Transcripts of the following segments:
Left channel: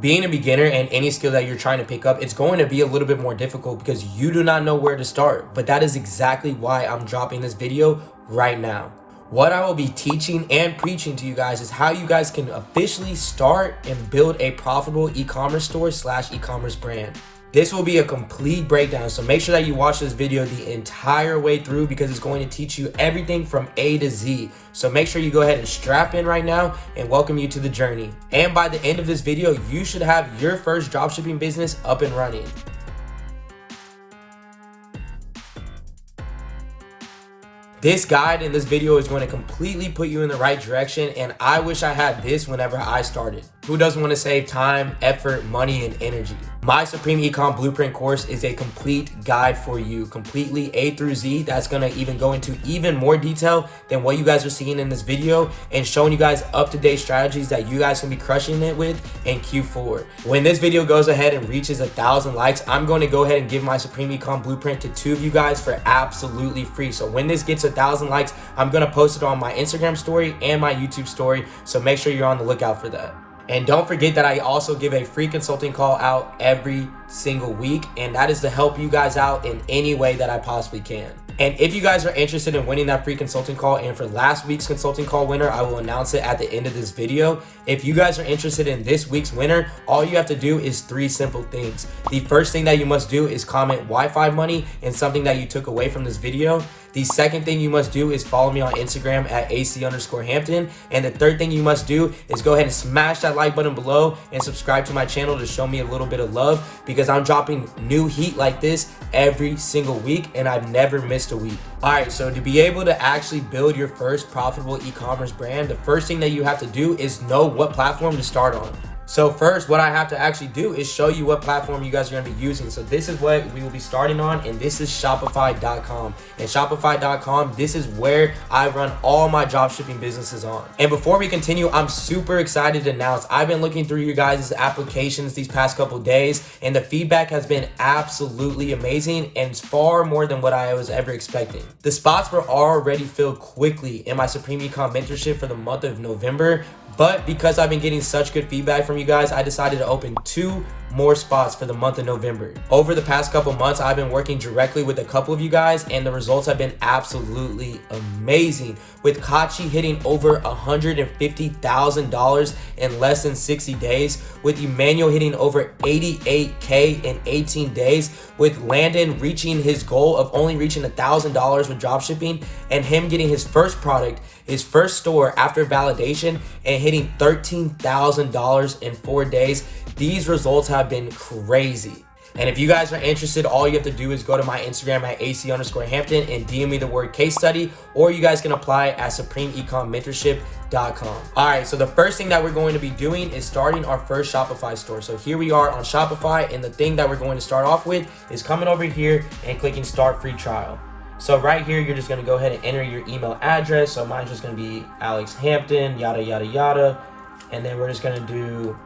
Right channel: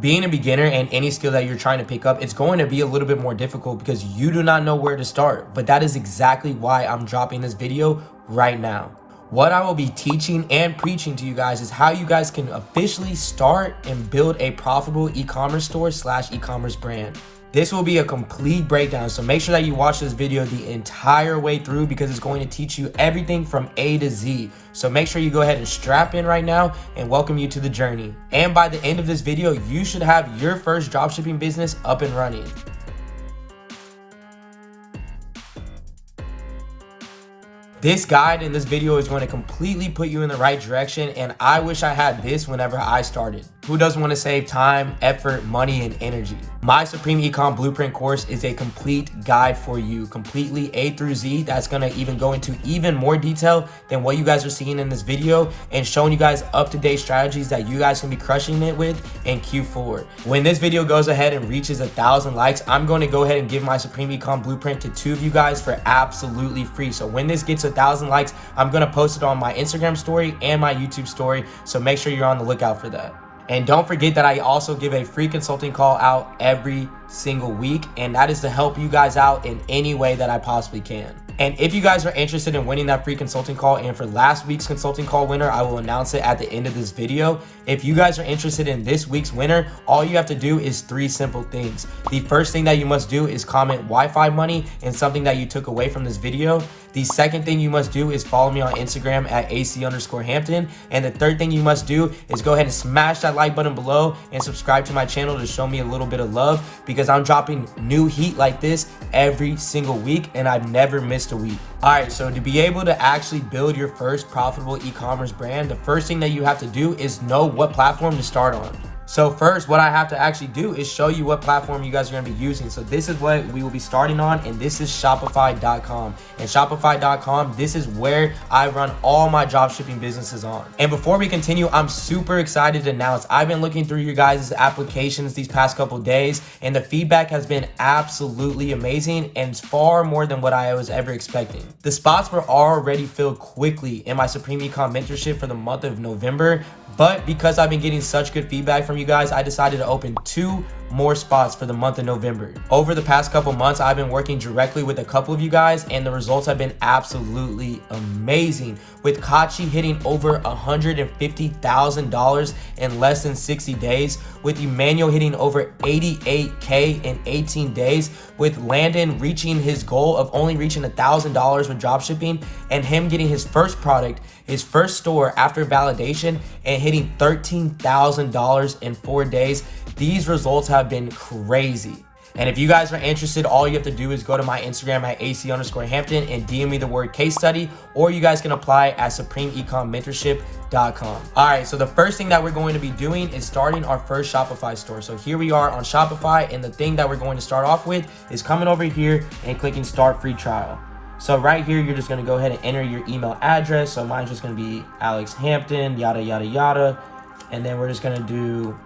Being a beginner and any skill that you're trying to pick up, it's going to be a little bit more difficult because you do not know where to start. But that is exactly why I'm dropping this video right now. What I will be teaching and preaching to you guys is how you guys can officially start and build a profitable e-commerce store / e-commerce brand. This will be a complete breakdown, so make sure that you watch this video the entire way through because it's going to teach you everything from A to Z. So make sure you go ahead and strap in right now and welcome you to the journey. And by the end of this video, you should have your first dropshipping business up and running. This guide in this video is going to completely put you in the right direction, and I wish I had this whenever I started. Who doesn't want to save time, effort, money, and energy? My Supreme Ecom Blueprint course is a complete guide for you, completely A through Z. That's going to even go into even more detail than what you guys are seeing in this video and showing you guys up-to-date strategies that you guys can be crushing it with in Q4. When this video goes ahead and reaches 1,000 likes, I'm going to go ahead and give my Supreme Ecom Blueprint to 2 of you guys for absolutely free. So when this gets 1,000 likes, I'm going to post it on my Instagram story and my YouTube story. So make sure you're on the lookout for that. And don't forget that I also give a free consulting call out every single week, and that is to help you guys out in any way that I possibly can. And if you guys are interested in winning that free consulting call, and for last week's consulting call winner, I will announce it at the end of this video. If you guys are interested in this week's winner, all you have to do is 3 simple things. The first thing that you must do is comment Wi-Fi money and something that you took away from this video. The second thing you must do is follow me on Instagram at AC_Hampton. And the third thing you must do is go ahead and smash that like button below and subscribe to my channel to show me a little bit of love, because I'm dropping new heat like this every single week and I've never missed a week. All right, so to be able to actually build your first profitable e-commerce brand, the first thing that you have to do is know what platform to start on. So first, what I have to actually do is show you what platform you guys are going to be using. So this is what we will be starting on, and this is Shopify.com. And Shopify.com, this is where I run all my dropshipping businesses on. And before we continue, I'm super excited to announce I've been looking through your guys' applications these past couple days, and the feedback has been absolutely amazing and it's far more than what I was ever expecting. The spots were already filled quickly in my Supreme Ecom Mentorship for the month of November. But because I've been getting such good feedback from you guys, I decided to open 2 more spots for the month of November. Over the past couple months, I've been working directly with a couple of you guys, and the results have been absolutely amazing, with Kachi hitting over $150,000 in less than 60 days, with Emmanuel hitting over $88K in 18 days, with Landon reaching his goal of only reaching $1,000 with dropshipping, and him getting his first product, his first store after validation, and hitting $13,000 in 4 days. These results have been crazy. And if you guys are interested, all you have to do is go to my Instagram at AC_Hampton and DM me the word case study, or you guys can apply at SupremeEcomMentorship.com. All right, so the first thing that we're going to be doing is starting our first Shopify store. So here we are on Shopify, and the thing that we're going to start off with is coming over here and clicking start free trial. So right here, you're just going to go ahead and enter your email address. So mine's just going to be Alex Hampton, yada, yada, yada. And then we're just going to do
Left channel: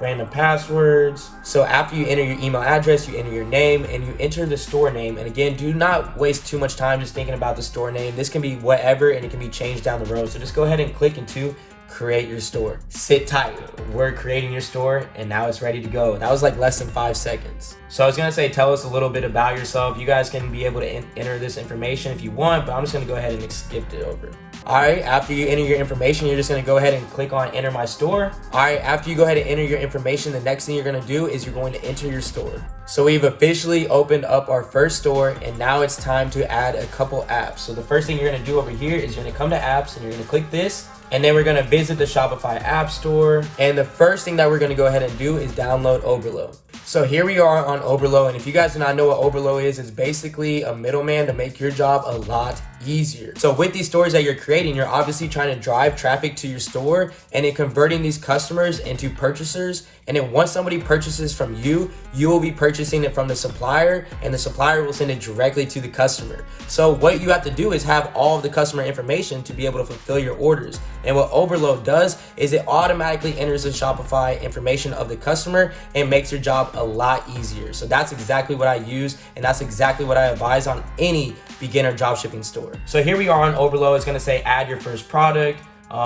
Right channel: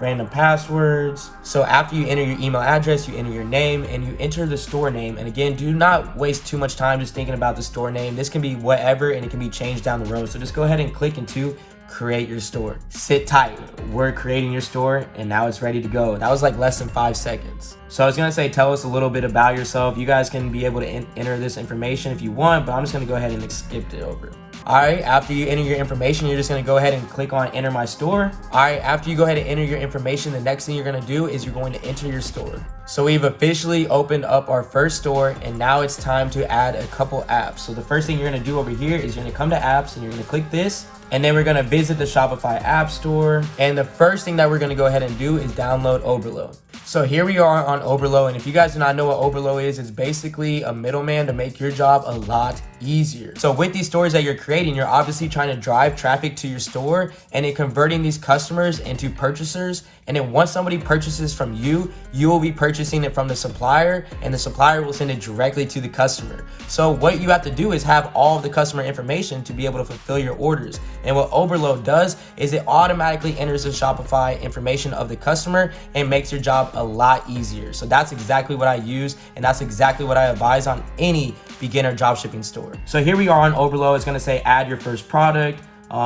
random passwords. So after you enter your email address, you enter your name and you enter the store name. And again, do not waste too much time just thinking about the store name. This can be whatever and it can be changed down the road. So just go ahead and click into create your store. Sit tight. We're creating your store and now it's ready to go. That was like less than 5 seconds. So I was gonna say, tell us a little bit about yourself. You guys can be able to enter this information if you want, but I'm just gonna go ahead and skip it over. All right, after you enter your information, you're just gonna go ahead and click on enter my store. All right, after you go ahead and enter your information, the next thing you're gonna do is you're going to enter your store. So we've officially opened up our first store, and now it's time to add a couple apps. So the first thing you're gonna do over here is you're gonna come to apps and you're gonna click this, and then we're gonna visit the Shopify App Store. And the first thing that we're gonna go ahead and do is download Oberlo. So here we are on Oberlo, and if you guys do not know what Oberlo is, it's basically a middleman to make your job a lot easier. So with these stores that you're creating, you're obviously trying to drive traffic to your store and then converting these customers into purchasers. And then once somebody purchases from you, you will be purchasing it from the supplier, and the supplier will send it directly to the customer. So what you have to do is have all of the customer information to be able to fulfill your orders. And what Oberlo does is it automatically enters the Shopify information of the customer and makes your job a lot easier. So that's exactly what I use, and that's exactly what I advise on any beginner dropshipping store. So here we are on Oberlo. It's gonna say add your first product.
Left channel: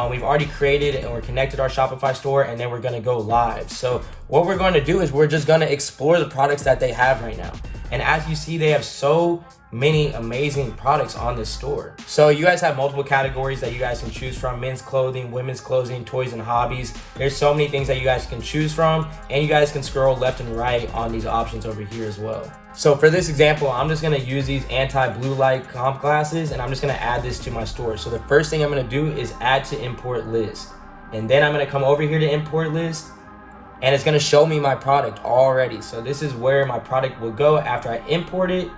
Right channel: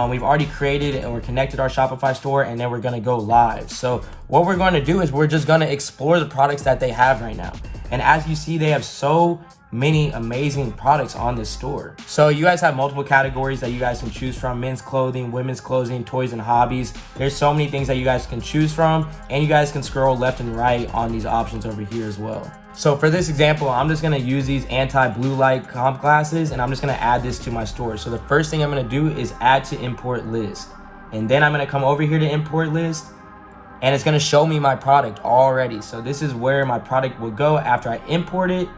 We've already created and we're connected our Shopify store, and then we're gonna go live. So what we're gonna do is we're just gonna explore the products that they have right now. And as you see, they have so many amazing products on this store. So you guys have multiple categories that you guys can choose from: men's clothing, women's clothing, toys and hobbies. There's so many things that you guys can choose from, and you guys can scroll left and right on these options over here as well. So for this example, I'm just gonna use these anti-blue light comp glasses, and I'm just gonna add this to my store. So the first thing I'm gonna do is add to import list. And then I'm gonna come over here to import list, and it's gonna show me my product already. So this is where my product will go after I import it.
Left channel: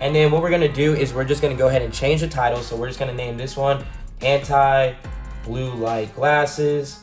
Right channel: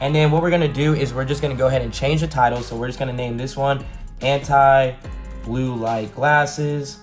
And then what we're gonna do is we're just gonna go ahead and change the title. So we're just gonna name this one anti-blue light glasses.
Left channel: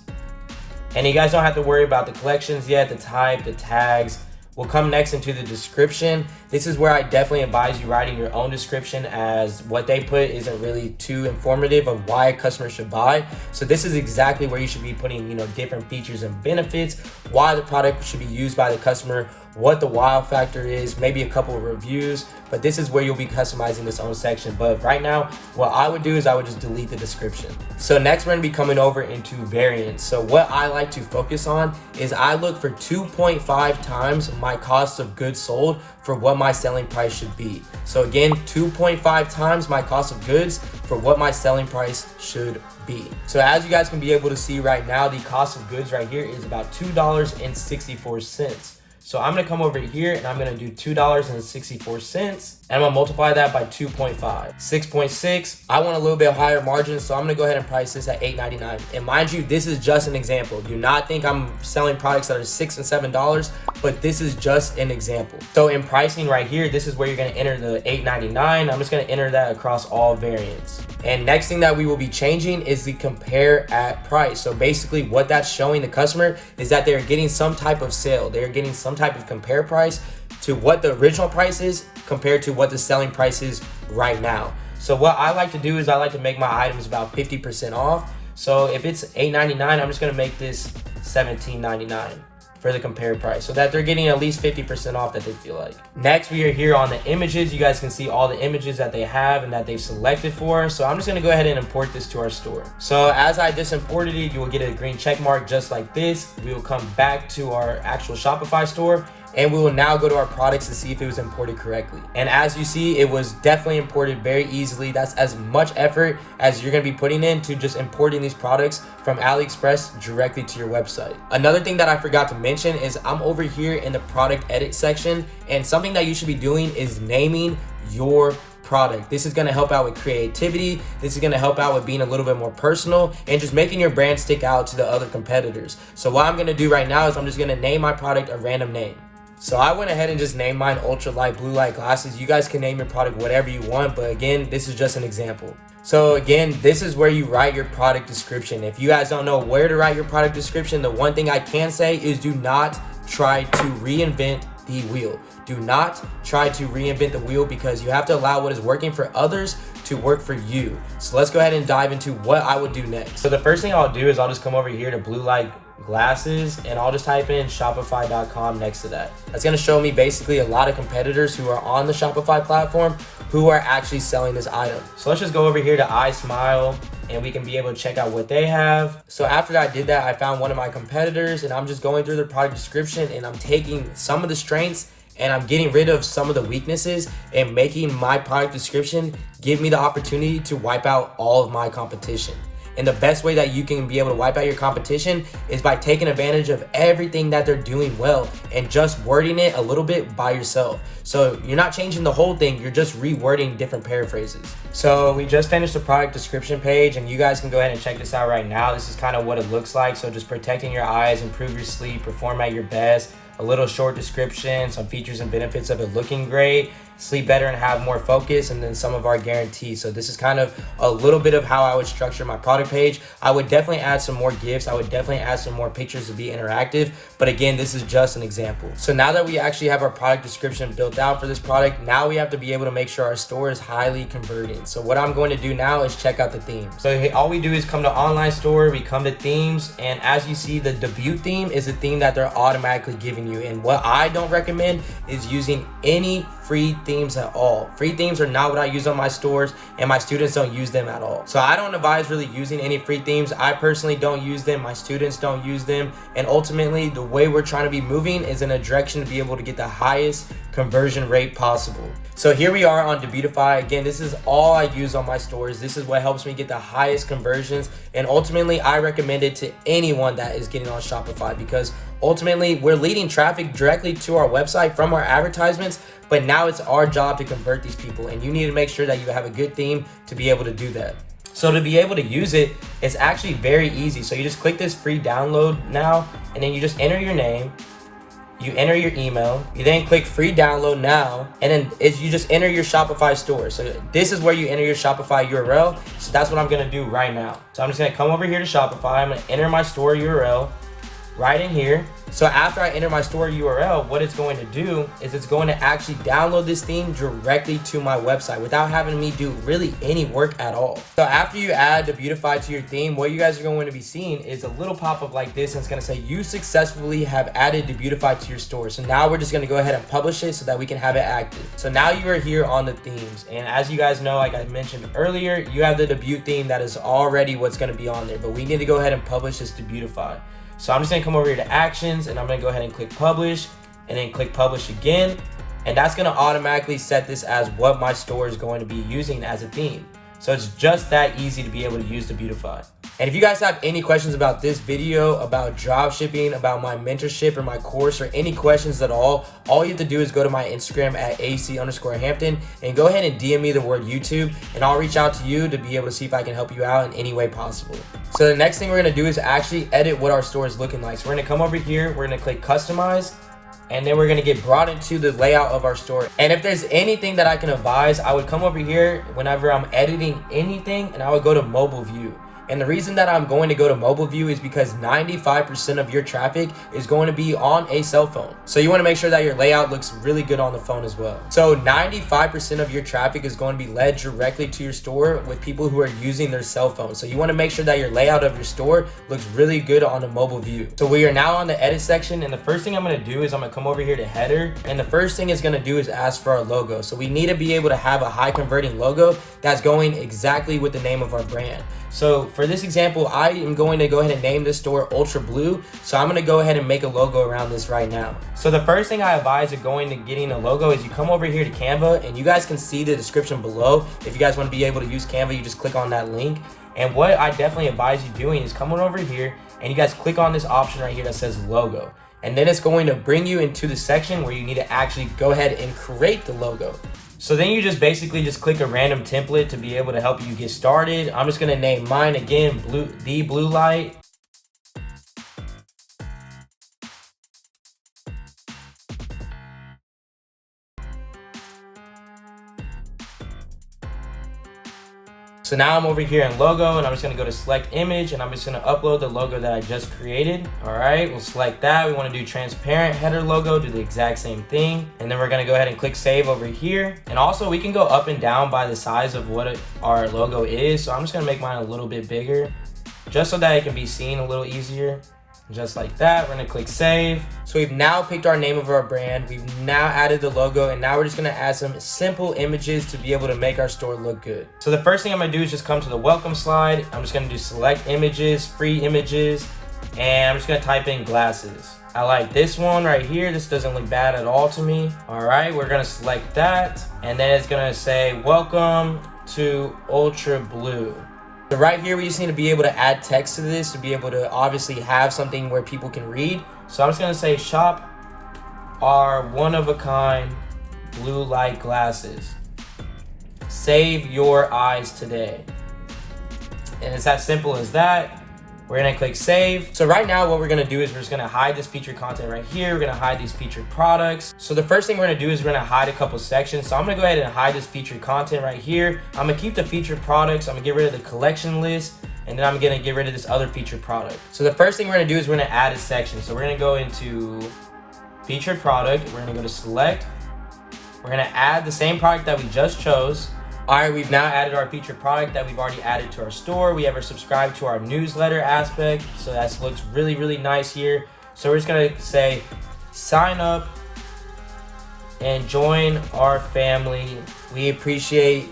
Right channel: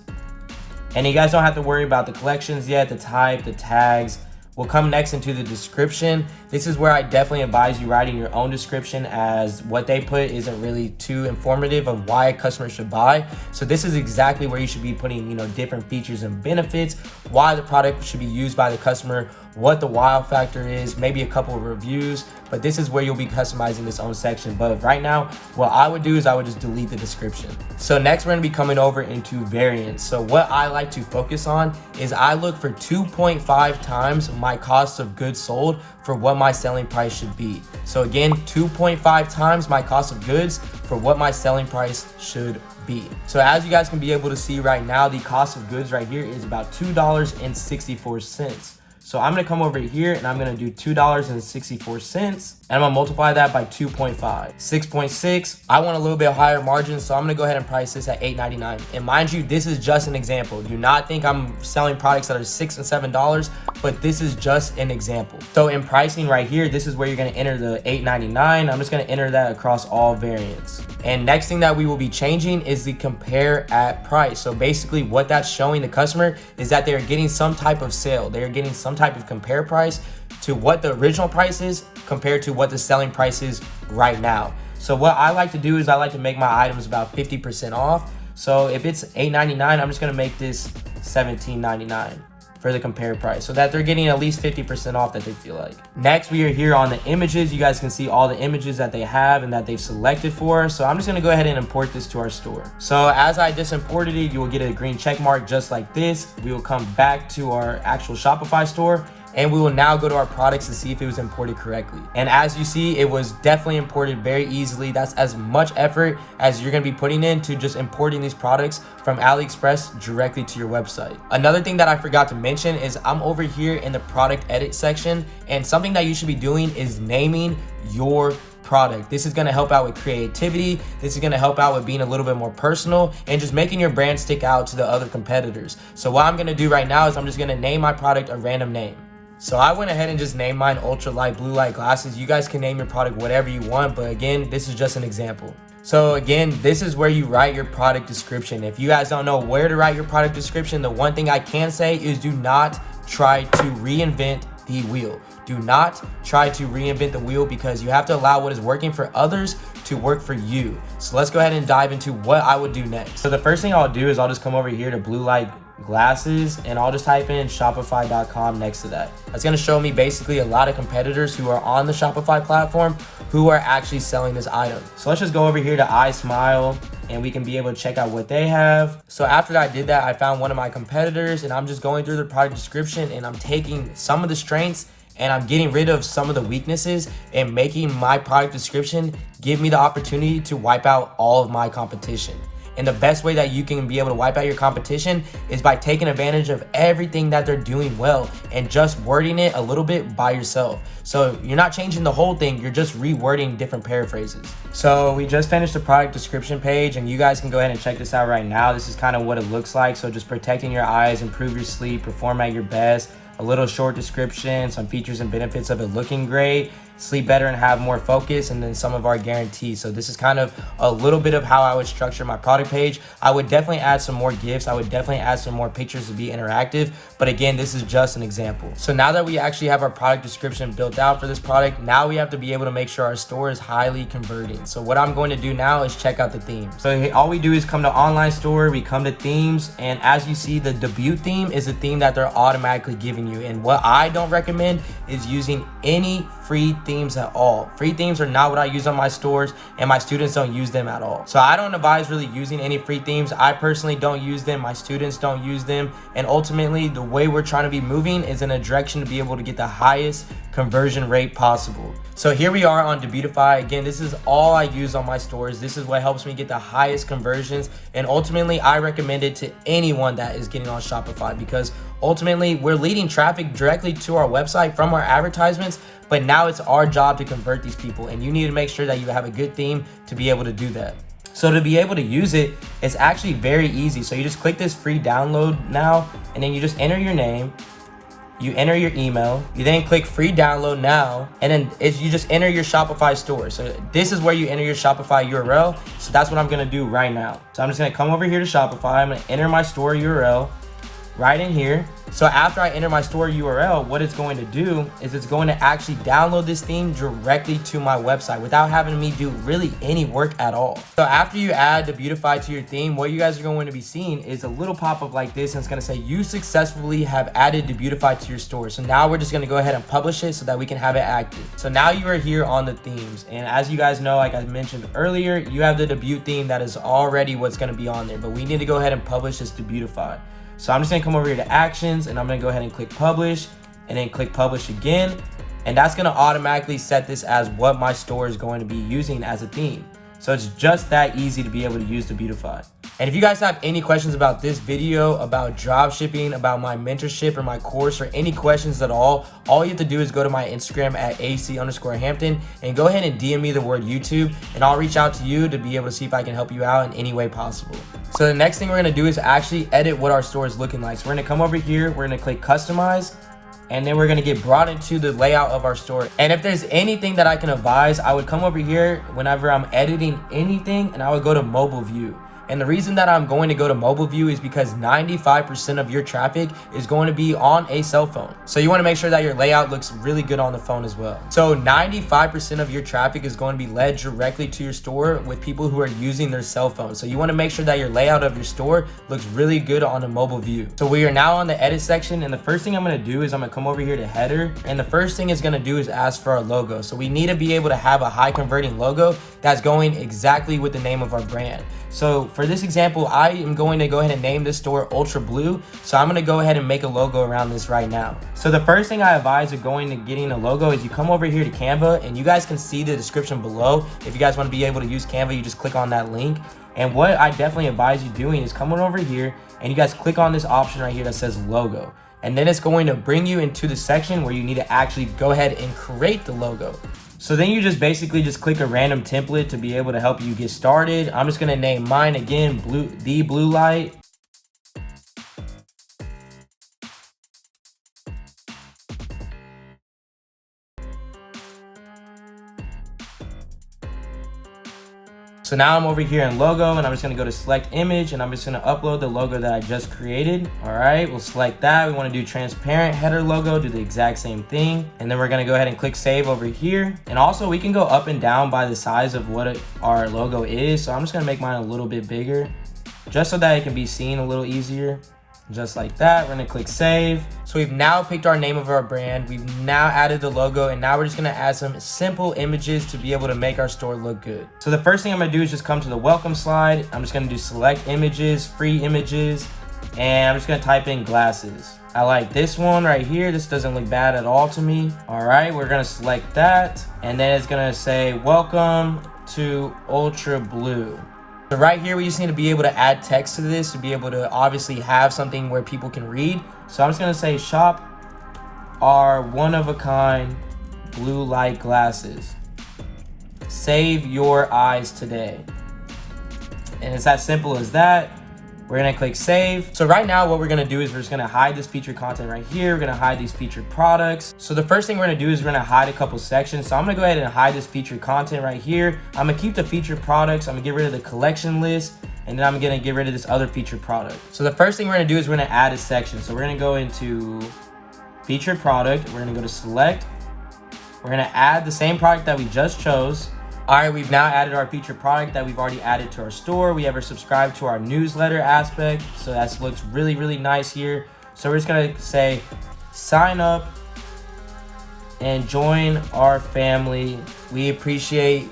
And you guys don't have to worry about the collections yet. The type, the tags will come next into the description. This is where I definitely advise you writing your own description, as what they put isn't really too informative of why a customer should buy. So this is exactly where you should be putting, different features and benefits, why the product should be used by the customer, what the wow factor is, maybe a couple of reviews, but this is where you'll be customizing this own section. But right now, what I would do is I would just delete the description. So next we're gonna be coming over into variants. So what I like to focus on is I look for 2.5 times my cost of goods sold for what my selling price should be. So again, 2.5 times my cost of goods for what my selling price should be. So as you guys can be able to see right now, the cost of goods right here is about $2.64. So I'm gonna come over here and I'm gonna do $2.64, and I'm gonna multiply that by 2.5. 6.6, I want a little bit higher margin, so I'm gonna go ahead and price this at $8.99. And mind you, this is just an example. Do not think I'm selling products that are $6 and $7, but this is just an example. So in pricing right here, this is where you're gonna enter the $8.99. I'm just gonna enter that across all variants. And next thing that we will be changing is the compare at price. So basically what that's showing the customer is that they're getting some type of sale. They're getting some type of compare price to what the original price is compared to what the selling price is right now. So what I like to do is I like to make my items about 50% off. So if it's $8.99, I'm just gonna make this $17.99 for the compare price, so that they're getting at least 50% off that they feel like. Next, we are here on the images. You guys can see all the images that they have and that they've selected for. So I'm just gonna go ahead and import this to our store. So as I just imported it, you will get a green check mark just like this. We will come back to our actual Shopify store, and we will now go to our products to see if it was imported correctly. And as you see, it was definitely imported very easily. That's as much effort as you're gonna be putting into just importing these products from AliExpress directly to your website. Another thing that I forgot to mention is I'm over here in the product edit section, and something that you should be doing is naming your product. This is gonna help out with creativity. This is gonna help out with being a little bit more personal and just making your brand stick out to the other competitors. So what I'm gonna do right now is I'm just gonna name my product a random name. So I went ahead and just named mine ultralight blue light glasses. You guys can name your product whatever you want, but again, this is just an example. So again, this is where you write your product description. If you guys don't know where to write your product description, the one thing I can say is do not try to reinvent the wheel. Do not try to reinvent the wheel, because you have to allow what is working for others to work for you. So let's go ahead and dive into what I would do next. So the first thing I'll do is I'll just come over here to blue light glasses, and I'll just type in shopify.com next to that. That's going to show me basically a lot of competitors who are on the Shopify platform who are actually selling this item. So let's just go over here to iSmile, and we can be able to check out what they have. So after I did that, I found one of my competitors, and I'm just going through the product description, and I'm taking some of the strengths and I'm getting rid of some of the weaknesses and making my product description give me the opportunity to wipe out all of my competition. And the best way that you can be able to wipe out your competition is by taking advantage of everything that they're doing well and just wording it a little bit by yourself. So you're not changing the whole thing, you're just rewording different paraphrases. So we just finished the product description page, and you guys can go ahead and check this out right now. This is kind of what it looks like. So just protecting your eyes, improve your sleep, perform at your best, a little short description, some features and benefits of it looking great, sleep better and have more focus, and then some of our guarantees. So this is kind of a little bit of how I would structure my product page. I would definitely add some more gifts. I would definitely add some more pictures to be interactive. But again, this is just an example. So now that we actually have our product description built out for this product, now we have to be able to make sure our store is highly converting. So what I'm going to do now is check out the theme. So all we do is come to online store, we come to themes, and as you see, the debut theme is the theme that they're automatically giving you. And what I don't recommend is using any free themes at all. Free themes are not what I use on my stores, and my students don't use them at all. So I don't advise really using any free themes. I personally don't use them. My students don't use them. And ultimately, the way we're trying to be moving is in a direction to be able to get the highest conversion rate possible. So here we are on Debutify. Again, this is all I use on my stores. This is what helps me get the highest conversions. And ultimately, I recommend it to anyone that is getting on Shopify, because ultimately we're leading traffic directly to our website from our advertisements, but now it's our job to convert these people, and you need to make sure that you have a good theme to be able to do that. So to be able to use it, it's actually very easy. So you just click this free download now, and then you just enter your name, you enter your email, you then click free download now, and then you just enter your Shopify store. So this is where you enter your Shopify URL. So that's what I'm gonna do right now. So I'm just gonna come over here to Shopify. I'm gonna enter my store URL right in here. So after I enter my store URL, what it's going to do is it's going to actually download this theme directly to my website without having me do really any work at all. So after you add Debutify to your theme, what you guys are going to be seeing is a little pop-up like this, and it's going to say you successfully have added Debutify to your store. So now we're just going to go ahead and publish it so that we can have it active. So now you are here on the themes, and as you guys know, like I mentioned earlier, you have the debut theme that is already what's going to be on there, but we need to go ahead and publish this Debutify. So I'm just gonna come over here to actions, and I'm gonna go ahead and click publish, and then click publish again. And that's gonna automatically set this as what my store is going to be using as a theme. So it's just that easy to be able to use Debutify. And if you guys have any questions about this video, about dropshipping, about my mentorship or my course, or any questions at all you have to do is go to my Instagram at AC_Hampton and go ahead and DM me the word YouTube, and I'll reach out to you to be able to see if I can help you out in any way possible. So the next thing we're gonna do is actually edit what our store is looking like. So we're gonna come over here, we're gonna click customize, and then we're gonna get brought into the layout of our store. And if there's anything that I can advise, I would come over here whenever I'm editing anything, and I would go to mobile view. And the reason that I'm going to go to mobile view is because 95% of your traffic is going to be on a cell phone. So you want to make sure that your layout looks really good on the phone as well. So 95% of your traffic is going to be led directly to your store with people who are using their cell phone. So you want to make sure that your layout of your store looks really good on the mobile view. So we are now on the edit section, and the first thing I'm going to do is I'm going to come over here to header, and the first thing it's going to do is ask for our logo. So we need to be able to have a high converting logo that's going exactly with the name of our brand. So for this example, I am going to go ahead and name this store Ultra Blue. So I'm going to go ahead and make a logo around this right now. So the first thing I advise of going to getting a logo is you come over here to Canva, and you guys can see the description below. If you guys want to be able to use Canva, you just click on that link. And what I definitely advise you doing is coming over here, and you guys click on this option right here that says logo. And then it's going to bring you into the section where you need to actually go ahead and create the logo. So then you just basically just click a random template to be able to help you get started. I'm just gonna name mine again, The Blue Light. So now I'm over here in logo, and I'm just gonna go to select image, and I'm just gonna upload the logo that I just created. All right, we'll select that. We wanna do transparent header logo, do the exact same thing. And then we're gonna go ahead and click save over here. And also we can go up and down by the size of what our logo is. So I'm just gonna make mine a little bit bigger, just so that it can be seen a little easier. Just like that, we're gonna click save. So we've now picked our name of our brand. We've now added the logo, and now we're just gonna add some simple images to be able to make our store look good. So the first thing I'm gonna do is just come to the welcome slide. I'm just gonna do select images, free images, and I'm just gonna type in glasses. I like this one right here. This doesn't look bad at all to me. All right, we're gonna select that, and then it's gonna say, welcome to Ultra Blue. So right here, we just need to be able to add text to this to be able to obviously have something where people can read. So I'm just gonna say shop our one-of-a-kind blue light glasses. Save your eyes today. And it's as simple as that. We're gonna click save. So right now what we're gonna do is we're just gonna hide this featured content right here. We're gonna hide these featured products. So the first thing we're gonna do is we're gonna hide a couple sections. So I'm gonna go ahead and hide this featured content right here. I'm gonna keep the featured products. I'm gonna get rid of the collection list, and then I'm gonna get rid of this other featured product. So the first thing we're gonna do is we're gonna add a section. So we're gonna go into featured product. We're gonna go to select. We're gonna add the same product that we just chose. All right, we've now added our featured product that we've already added to our store. We have subscribed to our newsletter aspect. So that looks really, really nice here. So we're just gonna say, sign up and join our family. We appreciate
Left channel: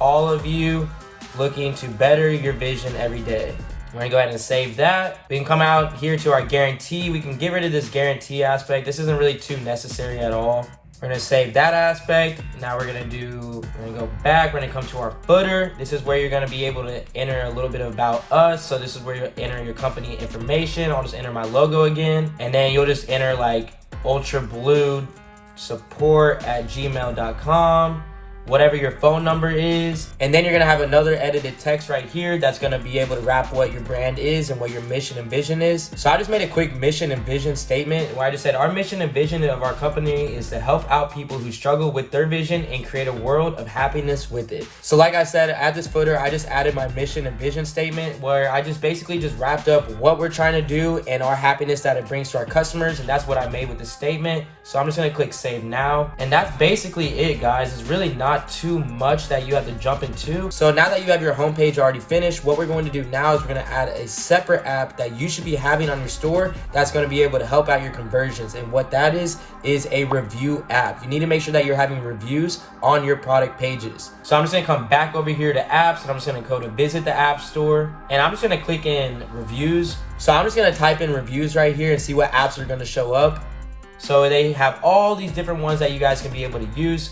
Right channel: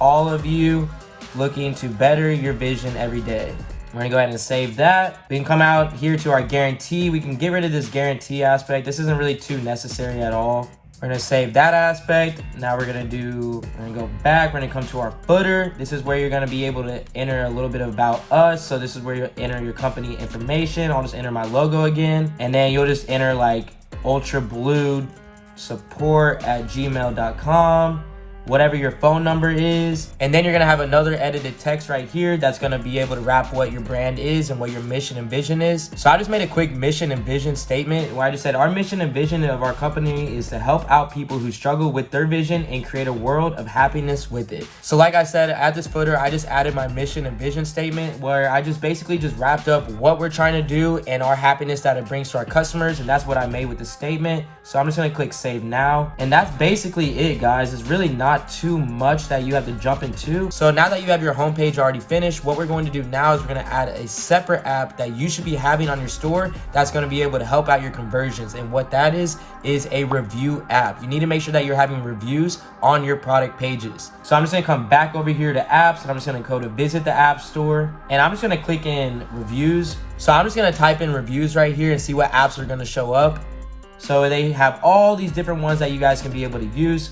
all of you looking to better your vision every day. We're gonna go ahead and save that. We can come out here to our guarantee. We can get rid of this guarantee aspect. This isn't really too necessary at all. We're gonna save that aspect. Now we're gonna go back. We're gonna come to our footer. This is where you're gonna be able to enter a little bit about us. So this is where you'll enter your company information. I'll just enter my logo again. And then you'll just enter like ultrabluesupport@gmail.com. whatever your phone number is. And then you're gonna have another edited text right here that's gonna be able to wrap what your brand is and what your mission and vision is. So I just made a quick mission and vision statement where I just said our mission and vision of our company is to help out people who struggle with their vision and create a world of happiness with it. So like I said, at this footer, I just added my mission and vision statement where I just basically just wrapped up what we're trying to do and our happiness that it brings to our customers. And that's what I made with the statement. So I'm just gonna click save now. And that's basically it, guys. It's really not too much that you have to jump into. So now that you have your homepage already finished, what we're going to do now is we're going to add a separate app that you should be having on your store that's going to be able to help out your conversions. And what that is a review app. You need to make sure that you're having reviews on your product pages. So I'm just going to come back over here to apps, and I'm just going to go to visit the app store, and I'm just going to click in reviews. So I'm just going to type in reviews right here and see what apps are going to show up. So they have all these different ones that you guys can be able to use.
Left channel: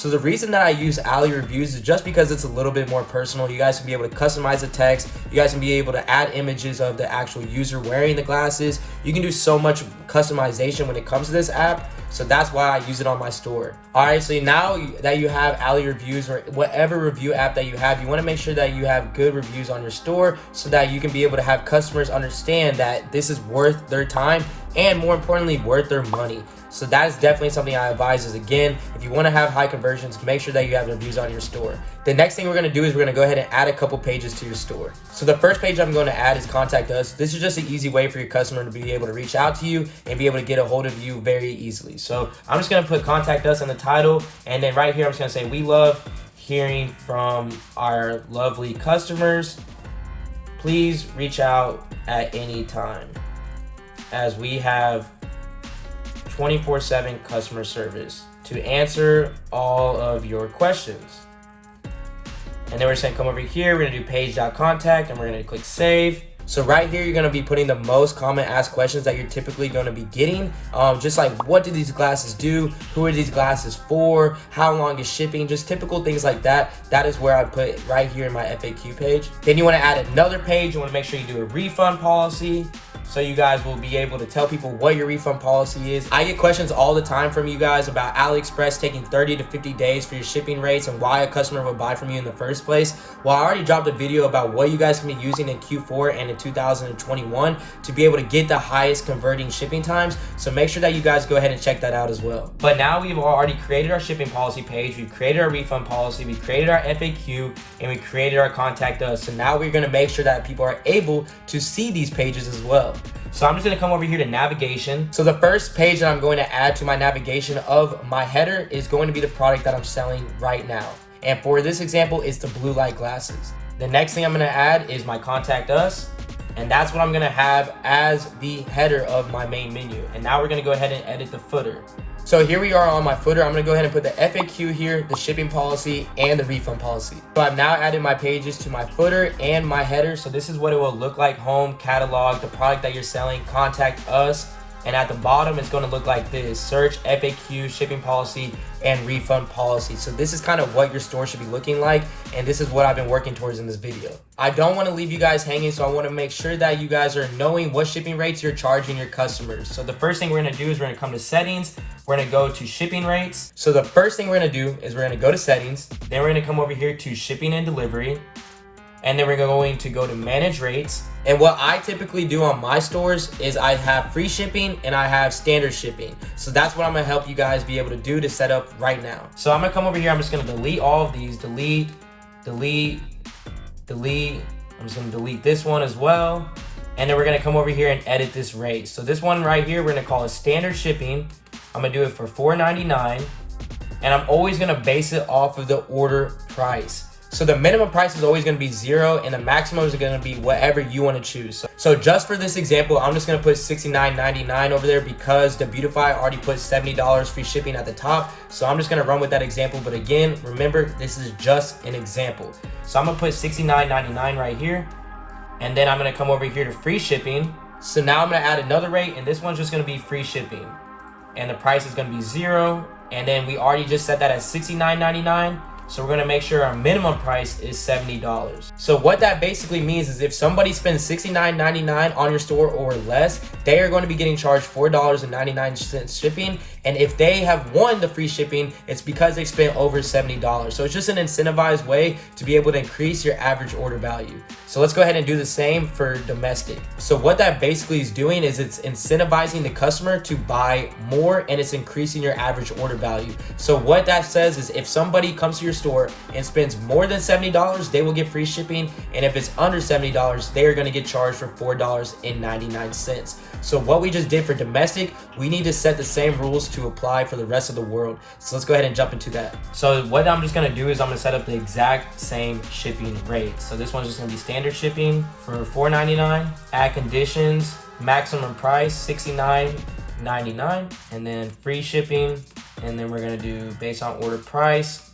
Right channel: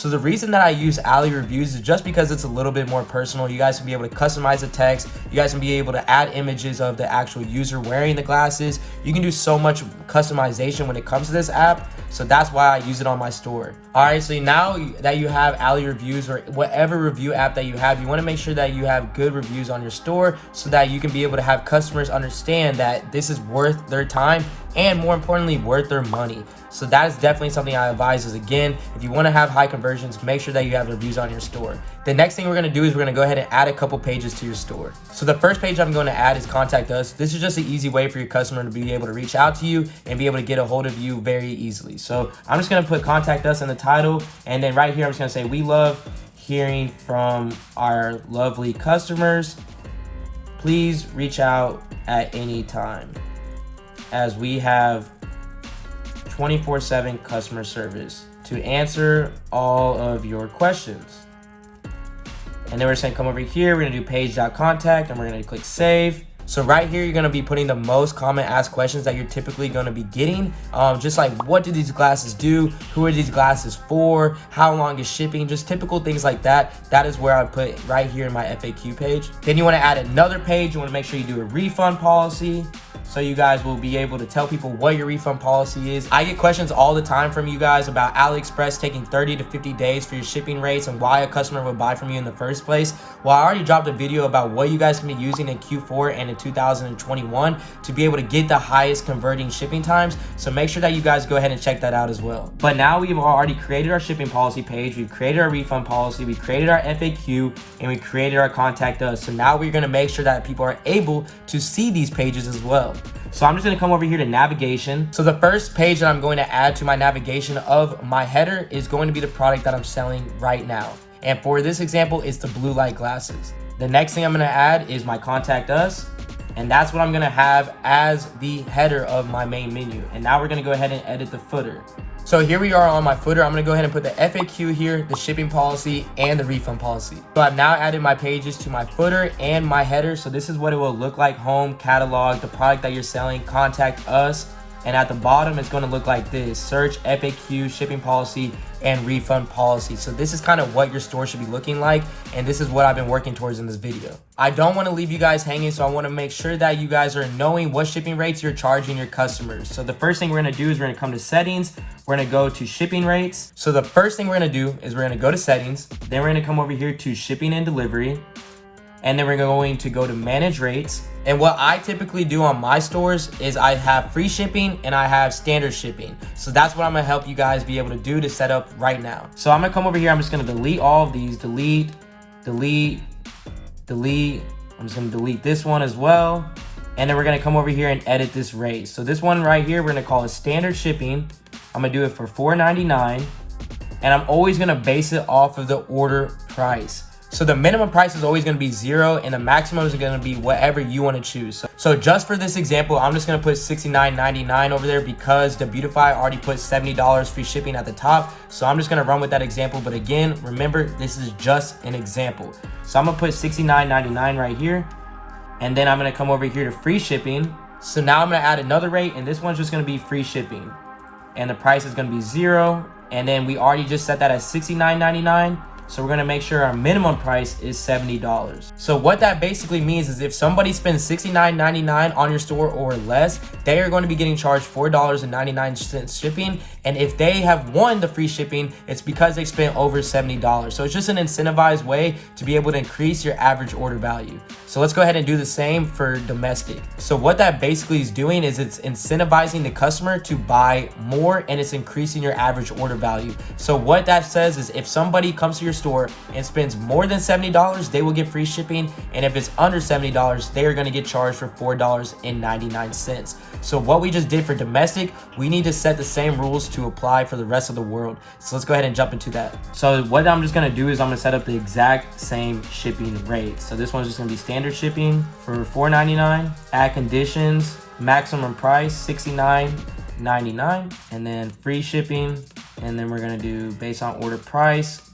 So the reason that I use Ally Reviews is just because it's a little bit more personal. You guys can be able to customize the text. You guys can be able to add images of the actual user wearing the glasses. You can do so much customization when it comes to this app. So that's why I use it on my store. All right, so now that you have Ally Reviews or whatever review app that you have, you want to make sure that you have good reviews on your store so that you can be able to have customers understand that this is worth their time and more importantly, worth their money. So that is definitely something I advise is, again, if you want to have high conversions, make sure that you have reviews on your store. The next thing we're going to do is we're going to go ahead and add a couple pages to your store. So the first page I'm going to add is contact us. This is just an easy way for your customer to be able to reach out to you and be able to get a hold of you very easily. So I'm just going to put contact us in the title. And then right here, I'm just going to say, we love hearing from our lovely customers. Please reach out at any time, as we have 24/7 customer service to answer all of your questions. And then we're just gonna come over here, we're gonna do page.contact, and we're gonna click save. So right here, you're gonna be putting the most common asked questions that you're typically gonna be getting. Just like, what do these glasses do? Who are these glasses for? How long is shipping? Just typical things like that. That is where I put right here in my FAQ page. Then you wanna add another page. You wanna make sure you do a refund policy, so you guys will be able to tell people what your refund policy is. I get questions all the time from you guys about AliExpress taking 30 to 50 days for your shipping rates and why a customer would buy from you in the first place. Well, I already dropped a video about what you guys can be using in Q4 and in 2021 to be able to get the highest converting shipping times. So make sure that you guys go ahead and check that out as well. But now we've already created our shipping policy page, we've created our refund policy, we created our FAQ, and we created our contact us. So now we're gonna make sure that people are able to see these pages as well. So I'm just gonna come over here to navigation. So the first page that I'm going to add to my navigation of my header is going to be the product that I'm selling right now. And for this example, it's the blue light glasses. The next thing I'm gonna add is my contact us. And that's what I'm gonna have as the header of my main menu. And now we're gonna go ahead and edit the footer. So here we are on my footer. I'm gonna go ahead and put the FAQ here, the shipping policy, and the refund policy. So I've now added my pages to my footer and my header. So this is what it will look like: home, catalog, the product that you're selling, contact us. And at the bottom, it's gonna look like this: search, FAQ, shipping policy, and refund policy. So this is kind of what your store should be looking like. And this is what I've been working towards in this video. I don't wanna leave you guys hanging, so I wanna make sure that you guys are knowing what shipping rates you're charging your customers. So the first thing we're gonna do is we're gonna come to settings. We're gonna go to shipping rates. So the first thing we're gonna do is we're gonna go to settings. Then we're gonna come over here to shipping and delivery. And then we're going to go to manage rates. And what I typically do on my stores is I have free shipping and I have standard shipping. So that's what I'm gonna help you guys be able to do to set up right now. So I'm gonna come over here, I'm just gonna delete all of these, delete. I'm just gonna delete this one as well. And then we're gonna come over here and edit this rate. So this one right here, we're gonna call it standard shipping. I'm gonna do it for $4.99. And I'm always gonna base it off of the order price. So the minimum price is always going to be 0 and the maximum is going to be whatever you want to choose. So just for this example, I'm just going to put $69.99 over there because the Beautify already put $70 free shipping at the top. So I'm just going to run with that example. But again, remember, this is just an example. So I'm going to put $69.99 right here. And then I'm going to come over here to free shipping. So now I'm going to add another rate, and this one's just going to be free shipping. And the price is going to be 0. And then we already just set that at $69.99. So we're gonna make sure our minimum price is $70. So what that basically means is if somebody spends $69.99 on your store or less, they are going to be getting charged $4.99 shipping. And if they have won the free shipping, it's because they spent over $70. So it's just an incentivized way to be able to increase your average order value. So let's go ahead and do the same for domestic. So what that basically is doing is it's incentivizing the customer to buy more, and it's increasing your average order value. So what that says is if somebody comes to your store and spends more than $70, they will get free shipping. And if it's under $70, they are going to get charged for $4.99. So what we just did for domestic, we need to set the same rules to apply for the rest of the world. So let's go ahead and jump into that. So what I'm just going to do is I'm going to set up the exact same shipping rate. So this one's just going to be standard shipping for $4.99, add conditions, maximum price $69.99, and then free shipping. And then we're going to do based on order price,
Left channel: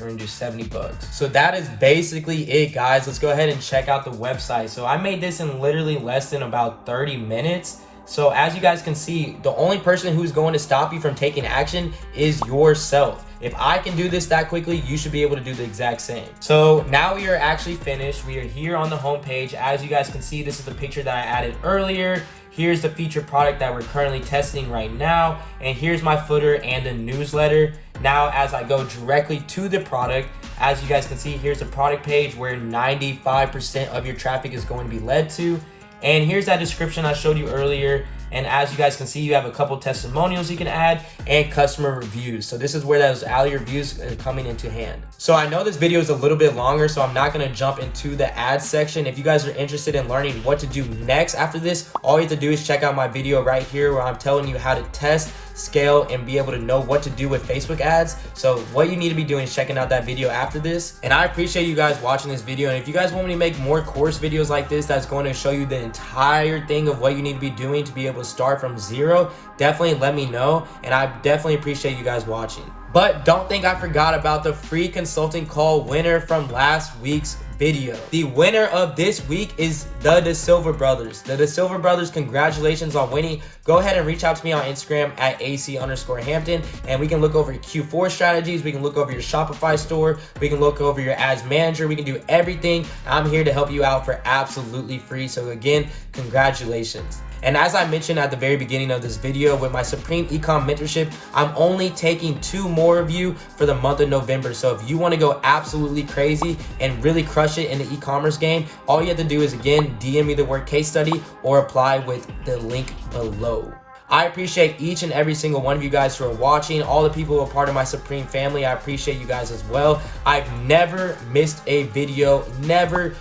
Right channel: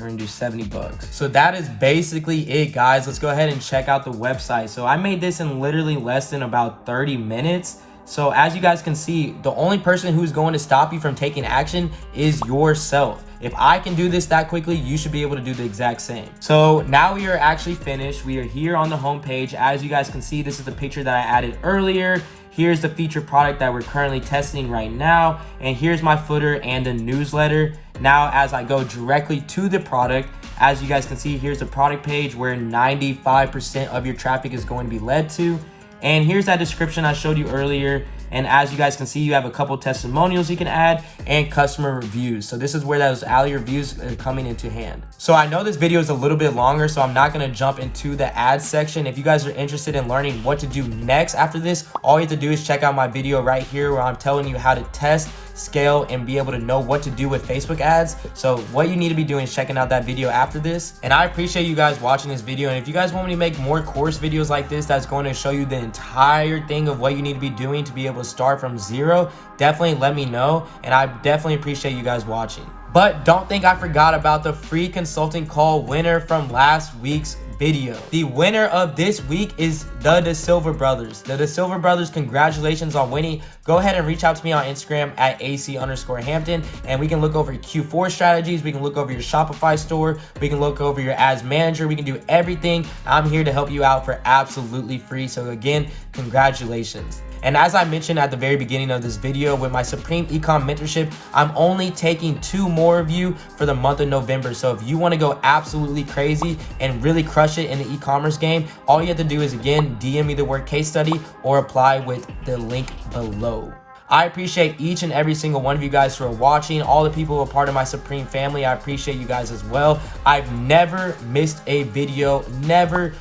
we're gonna do $70. So that is basically it, guys. Let's go ahead and check out the website. So I made this in literally less than about 30 minutes. So as you guys can see, the only person who's going to stop you from taking action is yourself. If I can do this that quickly, you should be able to do the exact same. So now we are actually finished. We are here on the home page. As you guys can see, this is the picture that I added earlier. Here's the featured product that we're currently testing right now. And here's my footer and the newsletter. Now, as I go directly to the product, as you guys can see, here's the product page where 95% of your traffic is going to be led to. And here's that description I showed you earlier. And as you guys can see, you have a couple testimonials you can add and customer reviews. So this is where those alley reviews are coming into hand. So I know this video is a little bit longer, so I'm not going to jump into the ads section. If you guys are interested in learning what to do next after this, all you have to do is check out my video right here where I'm telling you how to test, scale, and be able to know what to do with Facebook ads. So what you need to be doing is checking out that video after this. And I appreciate you guys watching this video. And if you guys want me to make more course videos like this that's going to show you the entire thing of what you need to be doing to be able to start from 0, definitely let me know. And I definitely appreciate you guys watching. But don't think I forgot about the free consulting call winner from last week's video. The winner of this week is the De Silva Brothers. The De Silva Brothers, congratulations on winning. Go ahead and reach out to me on Instagram at AC_Hampton, and we can look over your Q4 strategies. We can look over your Shopify store. We can look over your ads manager. We can do everything. I'm here to help you out for absolutely free. So again, congratulations. And as I mentioned at the very beginning of this video, with my Supreme Ecom Mentorship, I'm only taking 2 more of you for the month of November. So if you want to go absolutely crazy and really crush it in the e-commerce game, all you have to do is, again, DM me the word case study or apply with the link below. I appreciate each and every single one of you guys who are watching. All the people who are part of my Supreme family, I appreciate you guys as well. I've never missed a video, never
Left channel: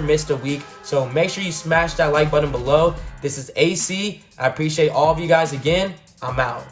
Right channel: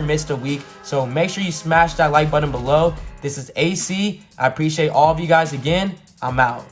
missed a week. So make sure you smash that like button below. This is AC. I appreciate all of you guys again. I'm out.